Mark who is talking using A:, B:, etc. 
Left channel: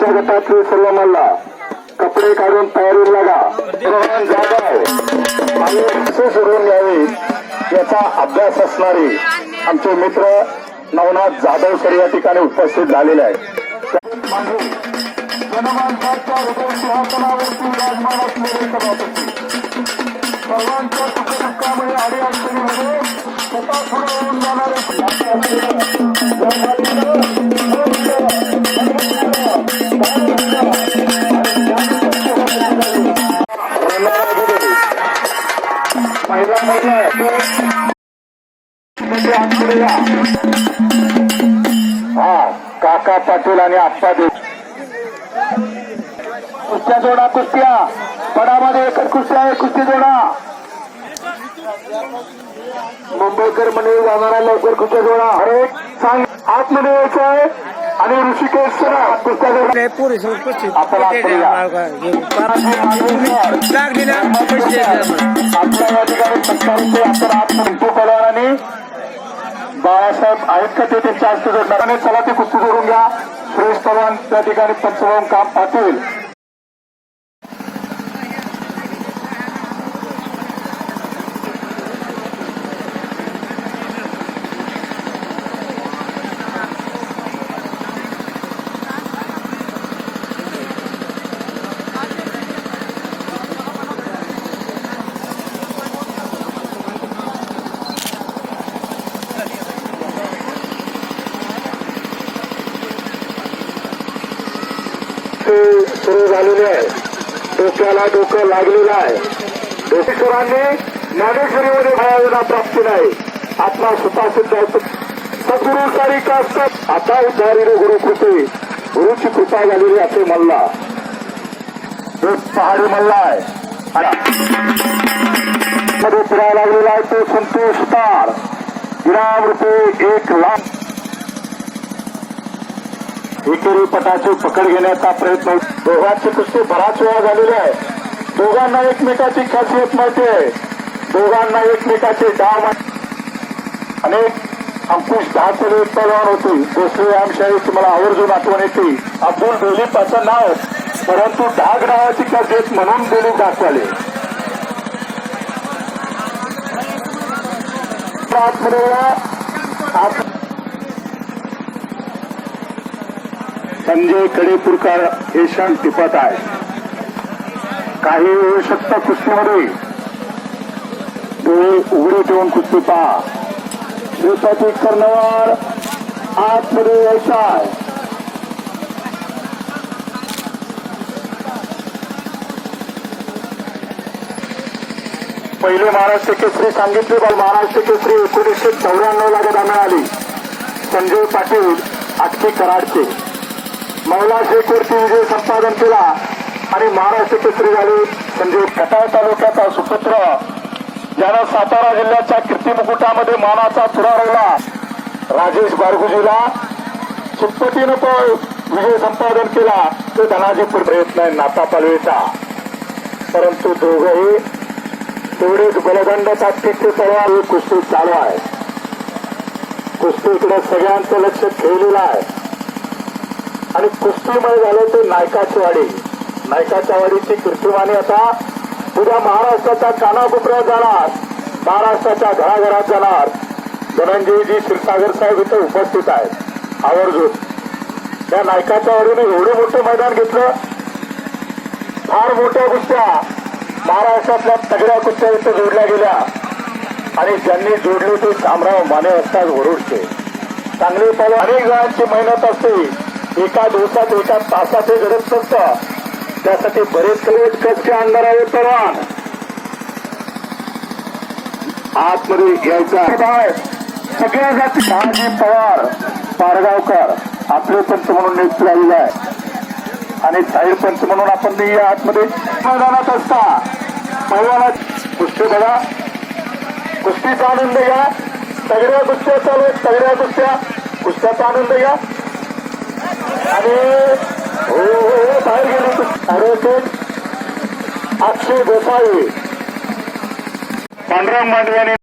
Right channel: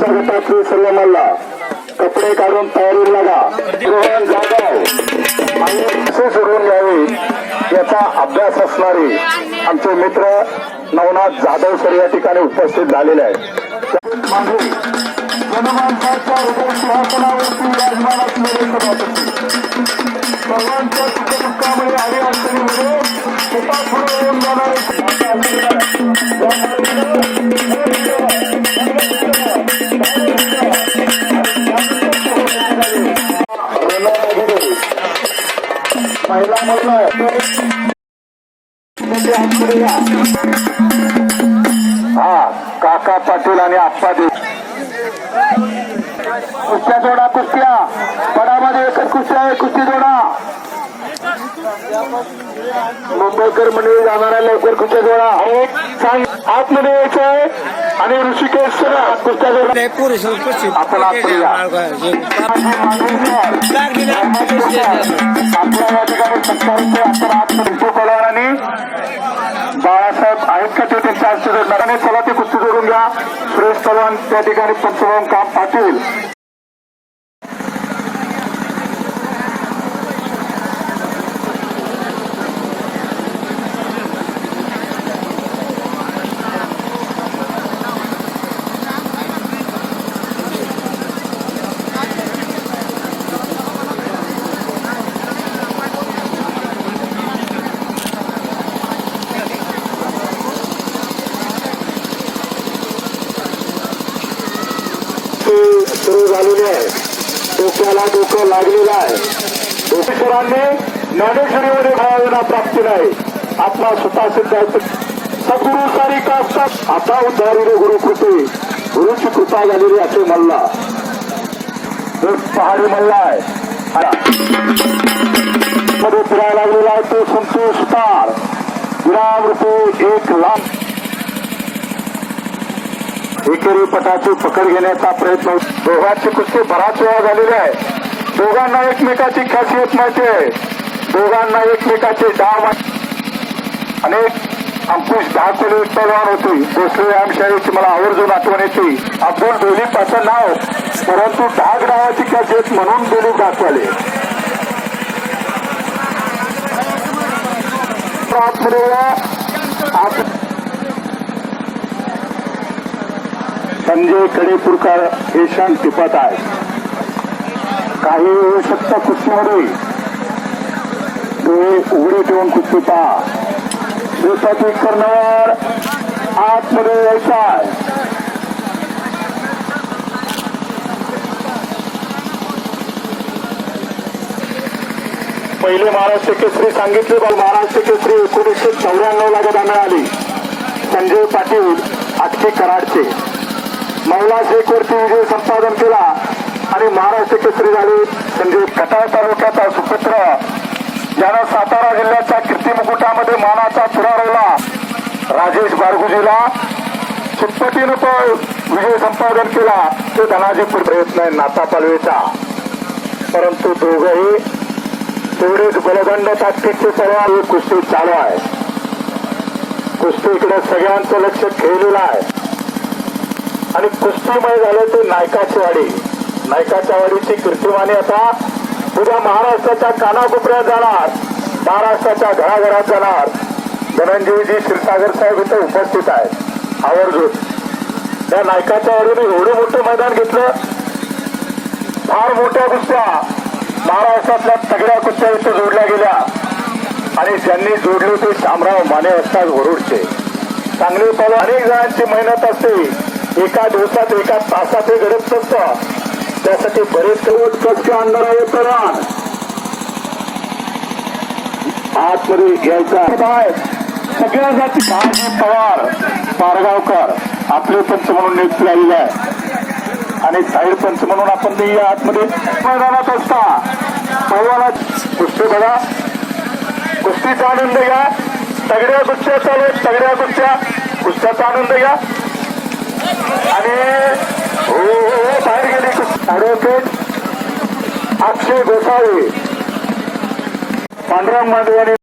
A: सर्व मल्ला कपडे काढून तयारी लागा. भगवान जाधव कसे सोडून याचा अभ्यास असणारे आमचे मित्र नवनाथ जाधव सर या ठिकाणी उपस्थित झालेले आहेत. जनमानसाच्या हृदय सिंहासनावरती विराजमान असलेले सभापती. सर्वांच्या सुखदुःखामुळे हा काका पाटील आणि आप्पा देव. कुस्त्या जोडा कुस्त्या. पडामध्ये एकच कुस्त्या आहे कुस्ती जोडा. मुंबईकर मंडळी जाणारा लवकर कुस्त्या जोडा. अरे सांग. आतमध्ये यायचं आहे. आणि ऋषिकेश
B: उपस्थित.
A: आणि बाळासाहेब आहेत का ते त्यांच्या हस्ते जोडणार. आणि चला ती कुस्ती जोडून घ्या. सुरेश त्या ठिकाणी पंचवून काम पाटील ते सुरू झालेले आहे डोक्याला डोकं लागलेलं आहे. डोकेश्वरांनी ज्ञानेश्वरीमध्ये भावना प्राप्ती नाही. आपला स्वतः सिद्ध सद्गुरु सारिका असतात आता उद्धारी रे गुरु कृपे गुरुची कृपा झालेली असे मल्ला. तो पहाडी मल्ला आहे. मध्ये फिरायला लागलेला आहे तो संतोष पार. विराम रुपये एक लाख एकेरी पटाची पकड घेण्याचा प्रयत्न. दोघांची कुस्ती बराच वेळा झालेली आहे. दोघांना एकमेकाची खासियत माहिती आहे. दोघांना एकमेकाचे डाव अनेक अंकुश दहा किलो उत्पादन होती भोसले व्यायामशाळेची तुम्हाला आवर्जून आठवण येते. अब्दुल दिलीप असं नाव परंतु डाग नावाची खासियत म्हणून दिलीप दाखवले आतमध्ये या आत संजय कडेपूरकर हे क्षण टिपत आहे काही होऊ शकतं कुस्तीमध्ये. डोळे उघडे ठेवून कुस्ती पहा. शेताची कर्णवार आतमध्ये यायचा आहे पहिले महाराष्ट्र केसरी सांगितले पण महाराष्ट्र केसरी एकोणीसशे चौऱ्याण्णव ला गदा मिळाली. संजय पाटील आटके कराडचे. महिला शेकवरती विजय संपादन केला आणि महाराष्ट्र केसरी झाले. म्हणजे कटाळ तालुक्याचा सुपुत्र. ज्यानं सातारा जिल्ह्याच्या कीर्ती मुकुटामध्ये मानाचा तुरा राजेश बारगुजीला सुटपटीनं तो विजय संपादन केला. तो धनाजीपूर प्रयत्न आहे नाता पालवेचा. परंतु दोघंही तेवढेच बलदंड ताकदीचे तलवार कुस्ती चालू आहे. कुस्तीकडे सगळ्यांचं लक्ष खेळलेलं आहे. आणि कुस्तीमय झालं ते नायकाची वाडी नायकाच्या वाडीची कीर्तिमाने आता उद्या महाराष्ट्राच्या कानाकोपऱ्यात जाणार. महाराष्ट्राच्या घराघरात जाणार. धनंजयजी क्षीरसागर साहेब इथे उपस्थित आहेत. आवर्जून. त्या नायकाच्या वाडीने एवढं मोठं मैदान घेतलं. फार मोठ्या कुस्त्या. महाराष्ट्रातल्या तगड्या कुस्त्या इथे जोडल्या गेल्या. आणि ज्यांनी जोडले ते शामराव माने असतात वरुडचे. चांगले पल अनेक जणांची मेहनत असते. एका दिवसात एका तासात हे घडत नसतं. त्यासाठी बरेच करोड कच्च्या अंधारावर करा आतमध्ये घ्यायचा सगळ्या जाती शहाजी पवार पारगावकर आपले पंच म्हणून नियुक्त झालेले आहे आणि साईड पंच म्हणून आपण ते आतमध्ये मैदानात असता. मैदानात कुस्ती बघा. कुस्तीचा आनंद घ्या. सगळ्या कुस्त्या चालू आहेत, सगळ्या कुस्त्या. कुस्त्याचा आनंद घ्या आणि हो हो हो बाहेर गेली अक्षय गोसावी. पांडुरंग मांडवे